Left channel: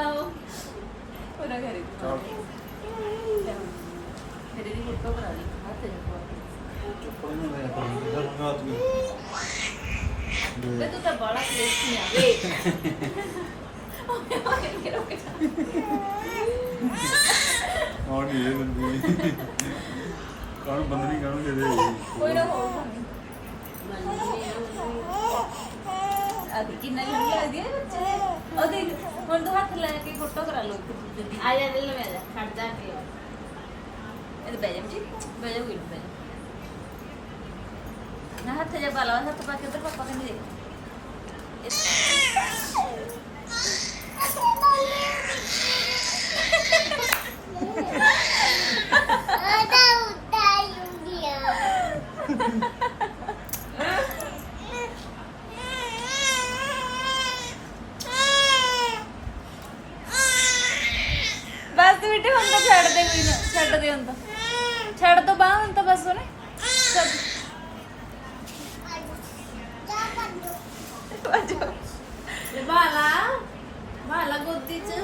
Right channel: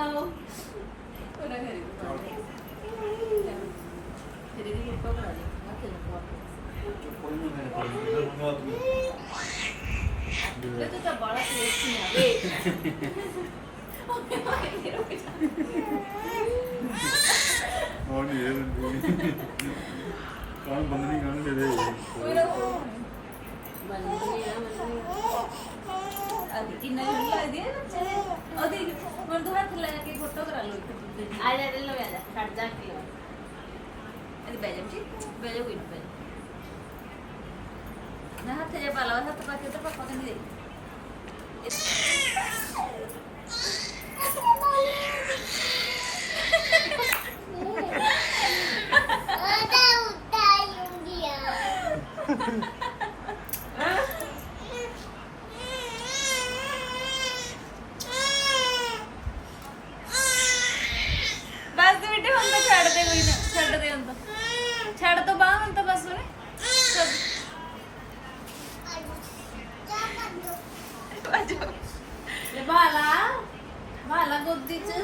Hello. Hola, Jerry. Jerry dijo todo grande. Pero tú te paras y es una vez. Quiero que 아니 얘는 가는 반들이 가는 게 왜? 보이라고. 만들이야. ਅਭੀ ਕਿੰਨਾ ਹੀ ਲੱਗਦੀ ਹੈ ਬੱਚੇ। ਉਹ ਦੇਖ ਹੁਣ ਤੂੰ ਹੱਥ ਲਾ ਕੇ ਫੋਟੋ ਕਰਾ ਲਓ ਦੀ ਆ ਜਾ ਦੇ ਲੋ ਆ ਜਾ ਖੜ ਜਾ ਕੇ ਇਹ ਬੈ ਜਾ ਜੀ ਬੈ ਜਾ ਕੋਈ ਬੈ ਜਾ। ਨਾ ਹੱਥ ਜੇ ਪਾ ਲਾ ਹੱਥ ਪਾ ਕੇ ਉਧਰ ਪਾਪਾ ਕਹਿੰਦੇ ఉదయంతో చెడతో బాగుంది బస్సుని బాల బాల గొద్దిచ్చు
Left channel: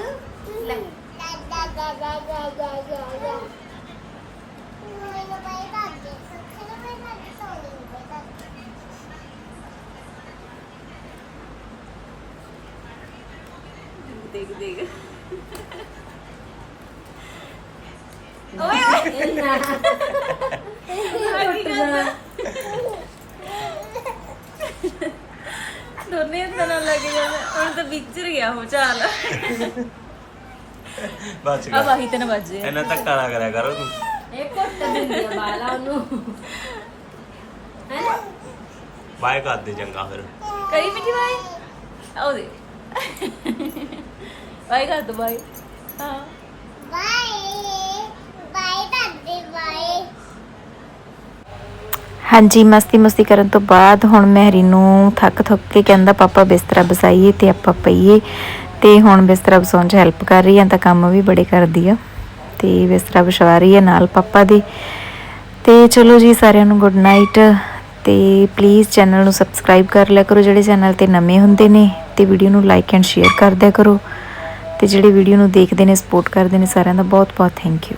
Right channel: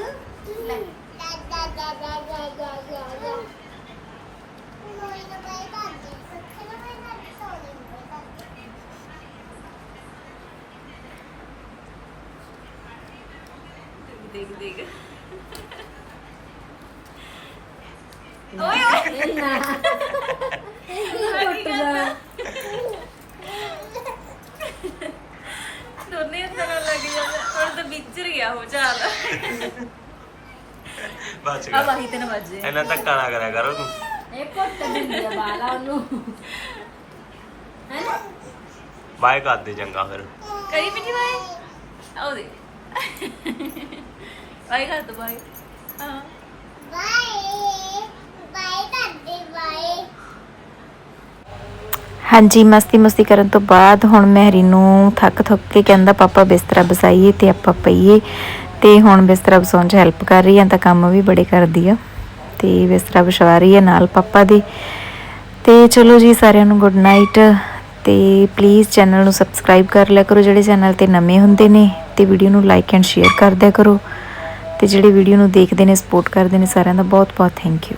dig dig ਓਏ ਓਏ ਟੁੱਟ ਜਾ ਦੋਨੇ ਹੱਥਾਂ ਨਾਲ ਲੱਗ ਜਾਣਾ ਹੁਣ ਤਾਂ ਵਿਚਰ ਗਿਆ ਹੋ ਚਾਲ ਬਚ ਆ ਗਿਆ ਵਾਹੀ ਤੇ ਨਾ ਇਹਨਾਂ ਧੱਕਾ ਨਾ ਕਰਿਆ ਕਰੋ ਤੂੰ ਇਹ ਕੁੱਟ ਦਿੰਦੀ ਆ ਬਾਲਾ ਉਹਨੂੰ ਹੈ ਬਾਏ ਕਰ ਦੇ ਚੰਗਾ ਫਿਰ। ਕਰੀ ਮਿੱਠੀ ਬਾਈ ਆਓ ਦੇ ਬਾਈ ਕਰ ਦੋ ਬਾਈ। ਹਾਂ। ਹਾਂਜੀ, ਮਸਤੀ ਮਸਤੀ ਕਰਨ ਤੋਂ ਬਾਅਦ ਹੁਣ ਮਹਿਰੀ ਨੂੰ ਥੱਕ ਥੱਕ ਕੇ ਕਹਿੰਦਾ, ਪਾਪਾ ਬਿਸਤਰਾ ਵਸਾਈਏ ਤੇ ਆਪਾਂ ਪਈਏ ਤੇ ਹੁਣ ਬਿਸਤਰਾ ਵਸਾਉਣ 'ਚ ਹੈਲਪ ਕਰ ਰਹੀ ਆ, ਤਾਂ ਕੰਮ ਵੀ ਬੜੇ ਕਰਦੀ ਆ ਤੇ ਬਿਸਤਰਾ ਵਿਛਵਾ ਰਹੀ ਆ ਨਾਲ ਪਾਪਾ ਦੇ। ਤੇ ਚਲੋ ਜੀ, ਸਾਰਿਆਂ ਨੂੰ ਗੁੱਡ ਨਾਈਟ ਤੇ ਪਲੀਜ਼ ਚੈਨਲ ਨੂੰ ਸਬਸਕ੍ਰਾਈਬ ਕਰ ਲਿਆ ਕਰੋ, ਜਿਹੜੇ ਚੈਨਲ ਤੇ ਨਵੇਂ ਹੁੰਦੇ ਨੇ ਤੇ ਵੀਡੀਓ ਨੂੰ ਲਾਈਕ ਐਂਡ ਸ਼ੇਅਰ ਕਰ ਦਿਆ ਕਰੋ ਤੇ ਜਿਹੜੇ ਵੀਡੀਓ ਨੂੰ ਦੇਖਦੇ ਨੇ ਸਪੋਰਟ ਕਰਦੇ ਨੇ ਸਾਰਿਆਂ ਦਾ ਬਹੁਤ ਬਹੁਤ ਥੈਂਕ ਯੂ